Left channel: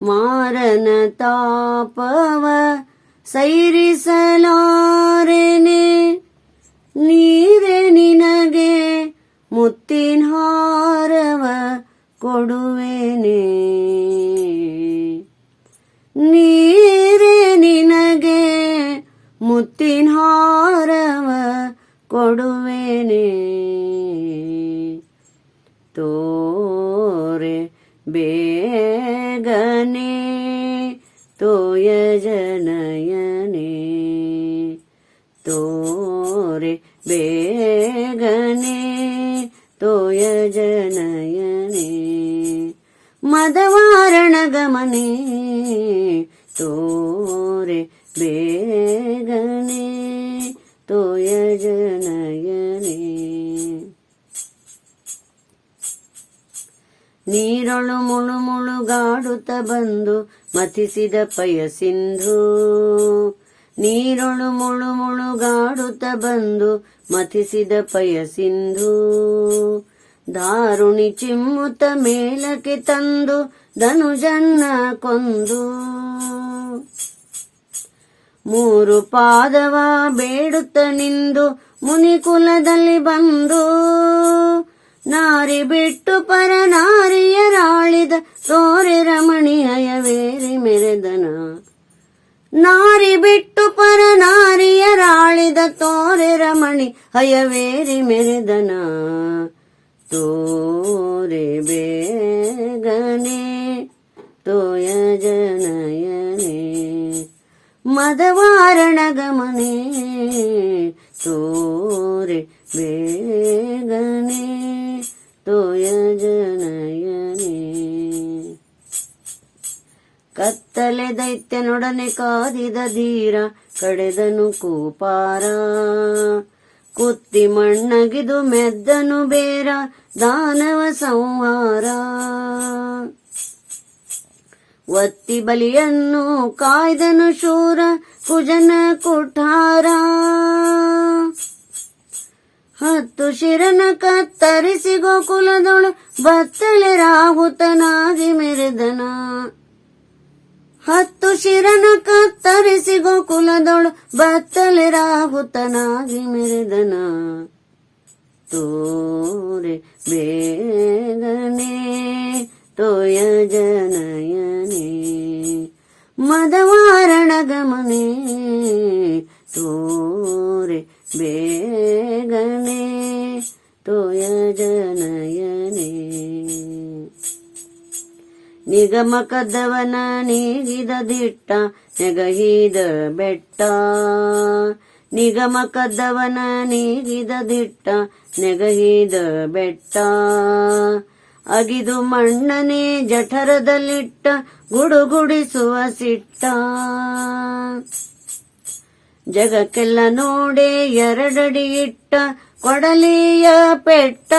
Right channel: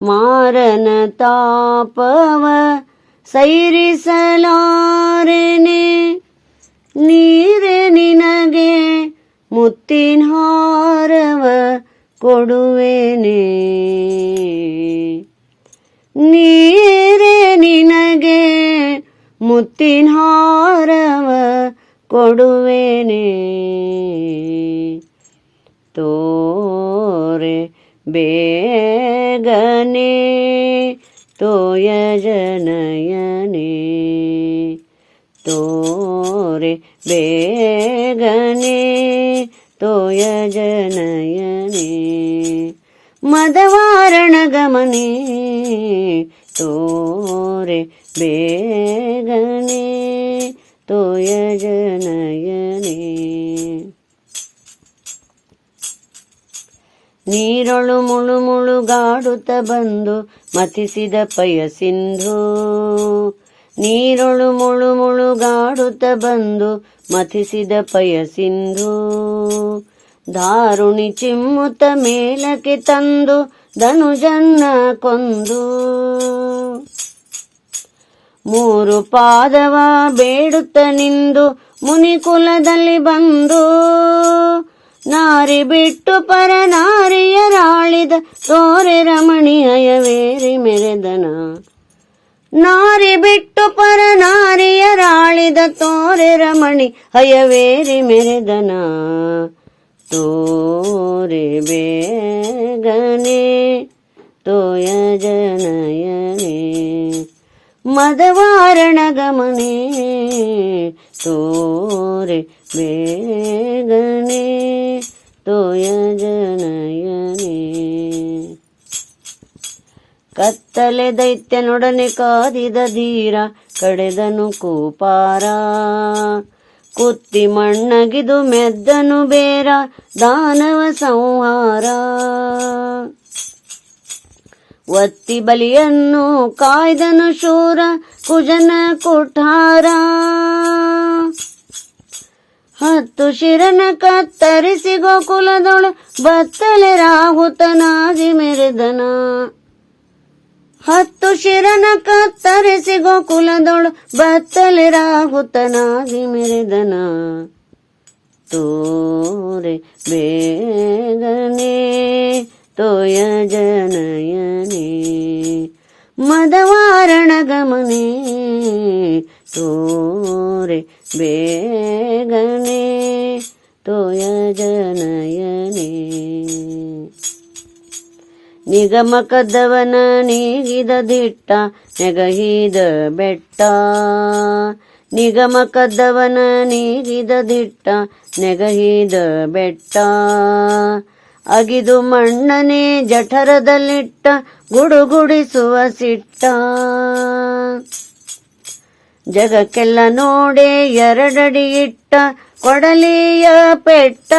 ಮಾರನ ತಾಪವ ಸೈರಿಸಲಾರೆನೆ, ನೀರೆ ನಿನಗೆ ಮುತ್ತಿನ ಹಾರವ ಕೊಡುವೆನೆ. ನೀರೆ ನಿನಗೆ ಮುತ್ತಿನ ಹಾರವ ಕೊಡುವೆನೆ. ತೋರೆ ಬೇಗನೆ ತೋಯಜನಯನೆ, ತೋರೆ ಬೇಗನೆ ತೋಯಜನಯನೆ. ಮದವಾರಣ ಗಮನೆ ತೋರೆ ಬೇಗನೆ ತೋಯಜನಯನೆ. ನೀರೊಳು ಮುಳು ಮುಳುಗಾಡುತ್ತ ಬಂದು ಮಥಿಸಿದ ಪಯ ಸಿಂಧು, ನೀರೊಳು ಮುಳು ಮುಳುಗಾಡುತ್ತ ಬಂದು ಮಥಿಸಿದ ಪಯ ಸಿಂಧು. ದಾರುಣಿ ಚಿಮ್ಮುತ್ತ ಮೇಲಕ್ಕೆ ತಂದು ಧನುಜನ್ನ ಕೊಂದು, ಮೂರು ಪಾದವ ಬೇಡುತ್ತ ನಿಂದು ಮುನಿಕುಲದಲ್ಲಿ ಬಂದು. ನಾರಿ ಬಿಟ್ಟು ಪರ ನಾರಿಯರಾಳಿದ ತೋರೆ ರಮಣಿ ಹಯವೇರಿ ಮೆರೆದನ, ನಾರಿ ಬಿಟ್ಟು ಪರ ನಾರಿಯರಾಳಿದ ತೋರೆ ರಮಣಿ ಹಯವೇರಿ ಮೆರೆದನ. ತೋರೆ ಬೇಗನೆ ತೋಯಜನಯನೆ, ಮದವಾರಣ ಗಮನೆ ತೋರೆ ಬೇಗನೆ ತೋಯಜನಯನೆ. ಕತ್ತಲೆ ದೈತ್ಯನೊಡನೆ ಕಾದಿದ ಧೀರ ಕಡೆದನು ಕೂಪಾರ, ಕುತ್ತಿ ಮಣ್ಣಗಿದು ಮೆದ್ದನು ಬೇರ ದಾನವ ಸಂಹಾರ. ಒತ್ತಿ ಬಲಿಯನ್ನು ಕಾಯ್ದನು ಶೂರ ಕುಜನ ಕುಠಾರ, ಹತ್ತು ಶಿರನ ಕತ್ತರಿಸಿ ಗೋಕುಲದೊಳು ಬತ್ತಲೆ ರಾಹುತನಾಗಿ ಮೆರೆದನ. ಹತ್ತು ಶಿರನ ಕತ್ತರಿಸಿ ಗೋಕುಲದೊಳು ಬತ್ತಲೆ ರಾಹುತನಾಗಿ ಮೆರೆದನ. ತೋರೆ ಬೇಗನೆ ತೋಯಜನಯನೆ, ಮದವಾರಣ ಗಮನೆ ತೋರೆ ಬೇಗನೆ ತೋಯಜನಯನೆ. ನಿಗಮ ಕದ್ದವನ ನೀಗಿದ ದಿಟ್ಟ ನೆಗಹಿದ ಬೆಟ್ಟ, ನಿಗಮ ಕದ್ದವನ ನೀಗಿದ ದಿಟ್ಟ ನೆಗಹಿದ ಬೆಟ್ಟ. ಅಗಿದು ಮಣ್ಣನೆ ಜಠರದಲ್ಲಿಟ್ಟ ಗುಡುಗುಡಿಸುವ ಸಿಟ್ಟ. ಜಗಕ್ಕೆಲ್ಲ ನೋಡೆ ಎರಡಡಿ ಇಟ್ಟ ಕೊಡಲಿಯ ಪೆಟ್ಟ.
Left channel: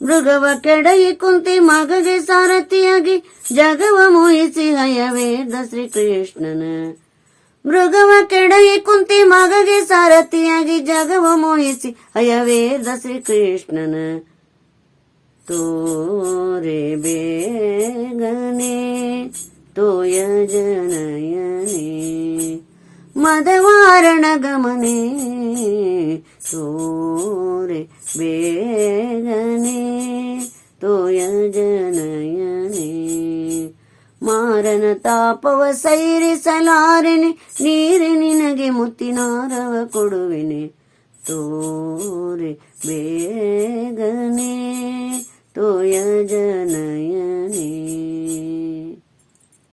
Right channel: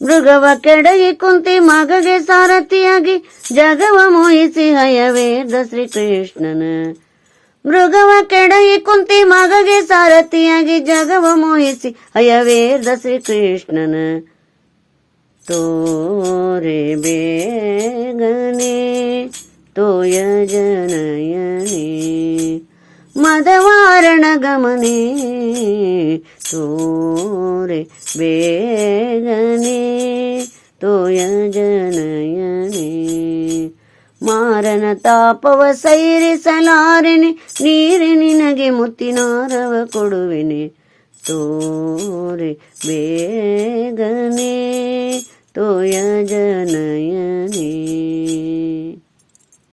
ಮೃಗವ ಕೆಡಗಿ ಕುಂತಿ ಮಗಗೆ ಸಾರಥಿಯಾಗಿ ಜಗವ ಮೋಹಿಸಿ ಹಯವೇದ ಶ್ರೀಕೃಷ್ಣನ. ಮೃಗವ ಕೆಡಗಿ ಕುಂತಿ ಮಗಗೆ ಸಾರಥಿಯಾಗಿ ಜಗವ ಮೋಹಿಸಿ ಹಯವೇದ ಶ್ರೀಕೃಷ್ಣನ. ತೋರೆ ಬೇಗನೆ ತೋಯಜನಯನೆ, ಮದವಾರಣ ಗಮನೆ ತೋರೆ ಬೇಗನೆ ತೋಯಜನಯನೆ. ಮಾರನ ತಾಪವ ಸೈರಿಸಲಾರೆನೆ, ನೀರಿ ನಿನಗೆ ಮುತ್ತಿನಾರವ ಕೊಡುವೆನೆ. ತೋರೆ ಬೇಗನೆ ತೋಯಜನಯನೆ.